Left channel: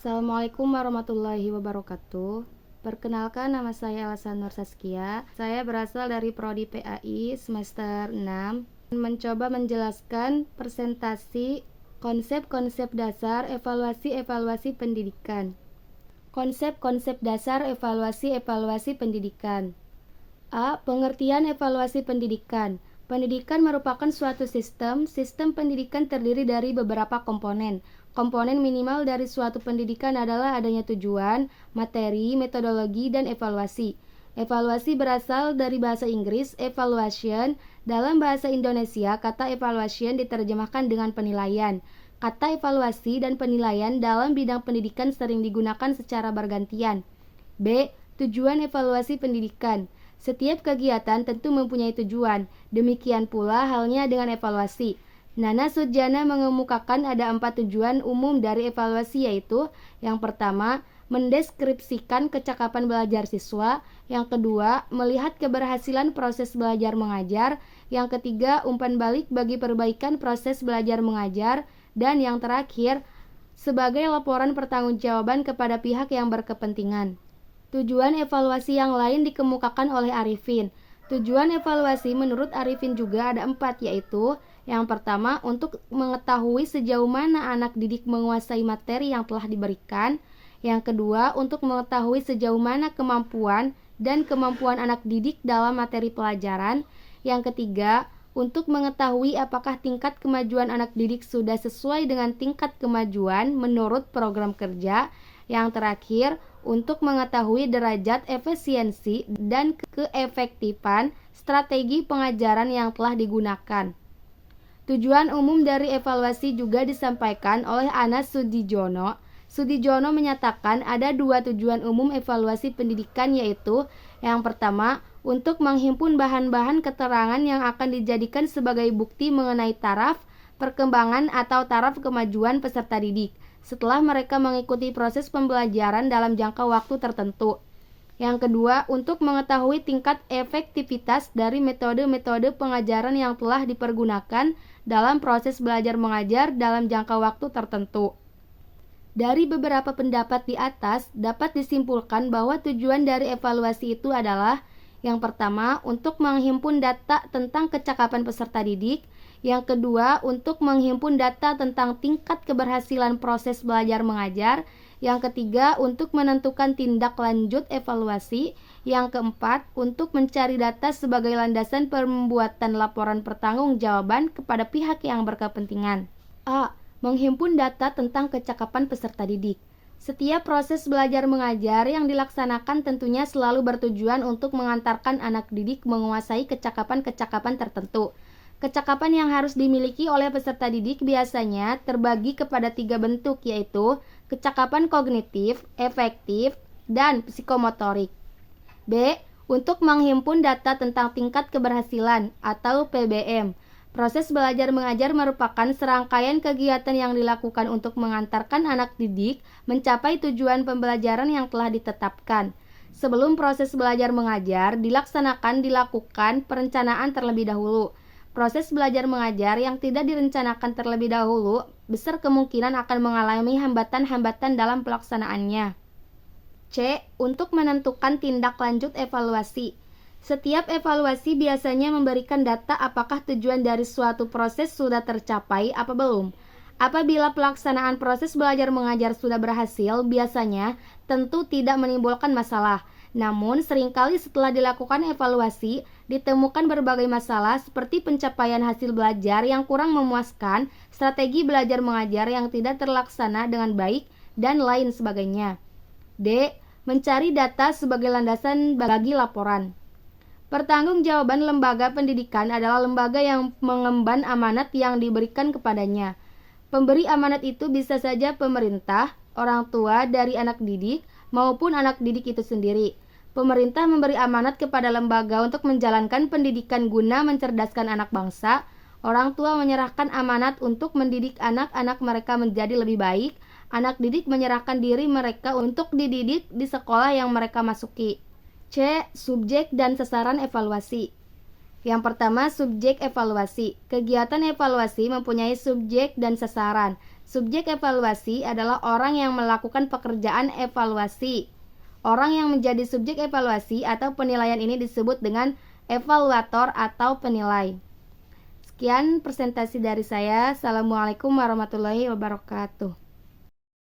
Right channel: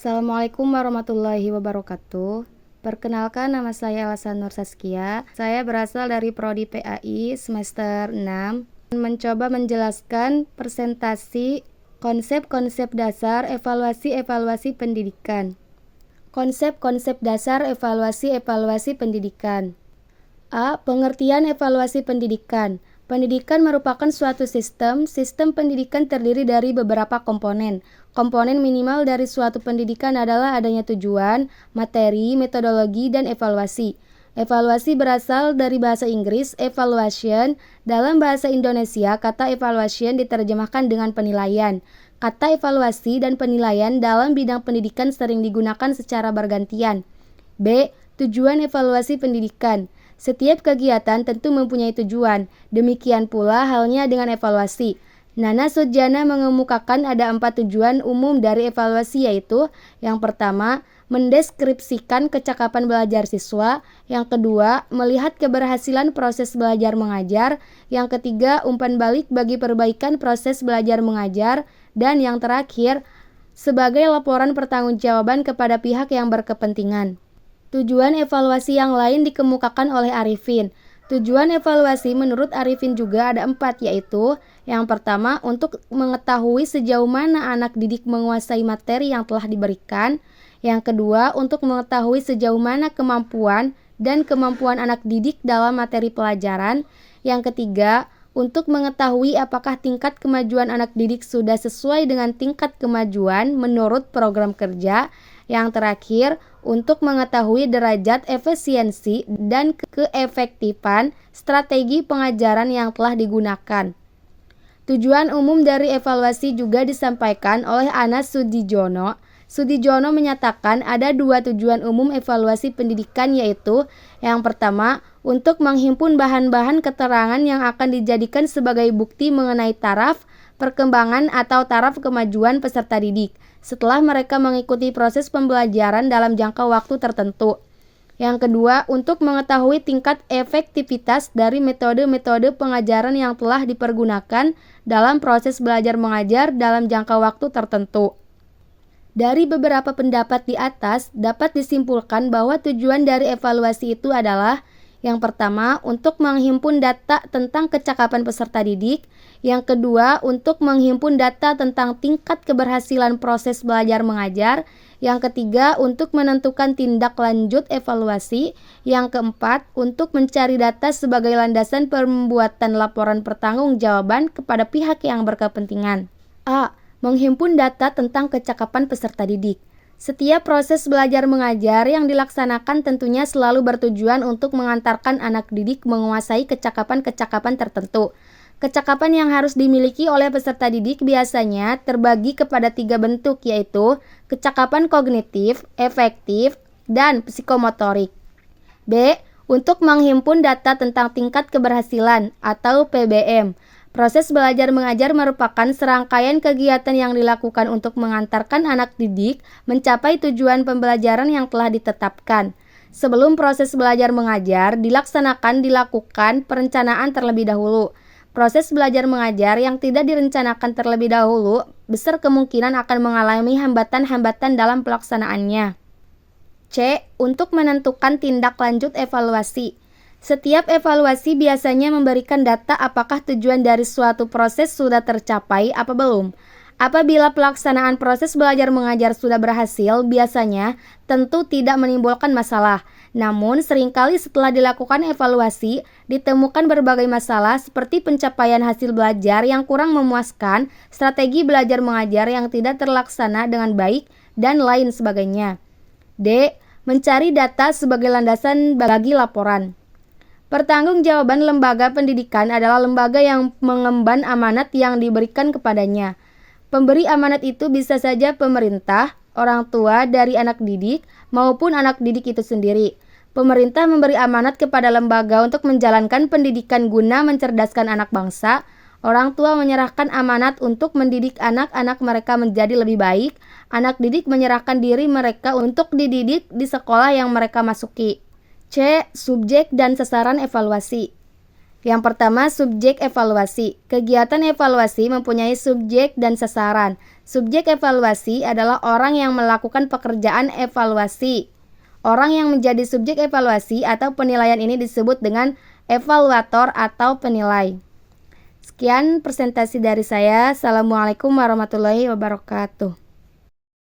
Assalamualaikum warahmatullahi wabarakatuh. Perkenalkan, nama saya Elsa Nur Saskia. Saya berasal dari Prodi PAI semester 6. Mencoba menjelaskan presentasi konsep-konsep dasar evaluasi pendidikan. Konsep-konsep dasar evaluasi pendidikan. A. Pengertian evaluasi pendidikan. Pendidikan merupakan suatu sistem. Sistem pendidikan terdiri dari beberapa komponen. Komponen minimal dari suatu pendidikan adalah adanya tujuan, materi, metodologi, dan evaluasi. Evaluasi berasal dari bahasa Inggris, evaluation. Dalam bahasa Indonesia, kata evaluation diterjemahkan dengan penilaian. Kata evaluasi dan penilaian dalam bidang pendidikan sering digunakan secara bergantian. B. Tujuan evaluasi pendidikan. Setiap kegiatan tentu mempunyai tujuan. Demikian pula halnya dengan evaluasi. Nana Sujana mengemukakan ada 4 tujuan umum dari evaluasi, yaitu yang pertama, mendeskripsikan kecakapan belajar siswa. Yang kedua, melihat keberhasilan proses belajar mengajar. Yang ketiga, umpan balik bagi perbaikan proses belajar mengajar. Dan yang terakhir, sebagai laporan pertanggungjawaban kepada pihak yang berkepentingan. Tujuan evaluasi yang lain dikemukakan oleh Arifin. Tujuan evaluasi menurut Arifin juga ada 4, yaitu yang pertama, untuk mengetahui sejauh mana anak didik menguasai materi yang telah diberikan. Yang kedua, untuk mengetahui sejauh mana kemampuan dan kemampuan anak didik dalam materi pelajaran. Yang ketiga, untuk mengetahui apakah tingkat kemajuan anak didik sudah sesuai dengan tingkat kemajuan menurut program kerja. Yang terakhir, untuk mengetahui derajat efisiensi dan keefektifan strategi pengajaran yang telah digunakan. Tujuan umum dari evaluasi juga disampaikan oleh Anas Sudijono. Sudijono menyatakan ada 2 tujuan umum evaluasi pendidikan, yaitu yang pertama, untuk menghimpun bahan-bahan keterangan yang akan dijadikan sebagai bukti mengenai taraf perkembangan atau taraf kemajuan peserta didik setelah mereka mengikuti proses pembelajaran dalam jangka waktu tertentu. Yang kedua, untuk mengetahui tingkat efektivitas dari metode-metode pengajaran yang telah dipergunakan dalam proses belajar mengajar dalam jangka waktu tertentu. Dari beberapa pendapat di atas, dapat disimpulkan bahwa tujuan dari evaluasi itu adalah yang pertama, untuk menghimpun data tentang kecakapan peserta didik. Yang kedua, untuk menghimpun data tentang tingkat keberhasilan proses belajar mengajar. Yang ketiga, untuk menentukan tindak lanjut evaluasi. Yang keempat, untuk mencari data sebagai landasan pembuatan laporan pertanggungjawaban kepada pihak yang berkepentingan. A. Menghimpun data tentang kecakapan peserta didik. Setiap proses belajar mengajar yang dilaksanakan tentunya selalu bertujuan untuk mengantarkan anak didik menguasai kecakapan-kecakapan tertentu. Kecakapan yang harus dimiliki oleh peserta didik biasanya terbagi kepada 3 bentuk, yaitu kecakapan kognitif, efektif, dan psikomotorik. B. Untuk menghimpun data tentang tingkat keberhasilan atau PBM. Proses belajar mengajar merupakan serangkaian kegiatan yang dilakukan untuk mengantarkan anak didik mencapai tujuan pembelajaran yang telah ditetapkan. Sebelum proses belajar mengajar dilakukan perencanaan terlebih dahulu. Proses belajar mengajar yang tidak direncanakan terlebih dahulu besar kemungkinan akan mengalami hambatan-hambatan dalam pelaksanaannya. C. Untuk menentukan tindak lanjut evaluasi. Setiap evaluasi biasanya memberikan data apakah tujuan dari suatu proses sudah tercapai apa belum. Apabila pelaksanaan proses belajar mengajar sudah berhasil, biasanya tentu tidak menimbulkan masalah. Namun, seringkali setelah dilakukan evaluasi, ditemukan berbagai masalah seperti pencapaian hasil belajar yang kurang memuaskan, strategi belajar mengajar yang tidak terlaksana dengan baik, dan lain sebagainya. D. Mencari data sebagai landasan bagi laporan. Pertanggungjawaban lembaga pendidikan adalah lembaga yang mengemban amanat yang diberikan kepadanya. Pemberi amanat itu bisa saja pemerintah, orang tua dari anak didik, maupun anak didik itu sendiri. Pemerintah memberi amanat kepada lembaga untuk menjalankan pendidikan guna mencerdaskan anak bangsa. Orang tua menyerahkan amanat untuk mendidik anak-anak mereka menjadi lebih baik. Anak didik menyerahkan diri mereka untuk dididik di sekolah yang mereka masuki. C. Subjek dan sasaran evaluasi. Yang pertama, subjek evaluasi. Kegiatan evaluasi mempunyai subjek dan sasaran. Subjek evaluasi adalah orang yang melakukan pekerjaan evaluasi. Orang yang menjadi subjek evaluasi atau penilaian ini disebut dengan evaluator atau penilai. Sekian presentasi dari saya. Assalamualaikum warahmatullahi wabarakatuh.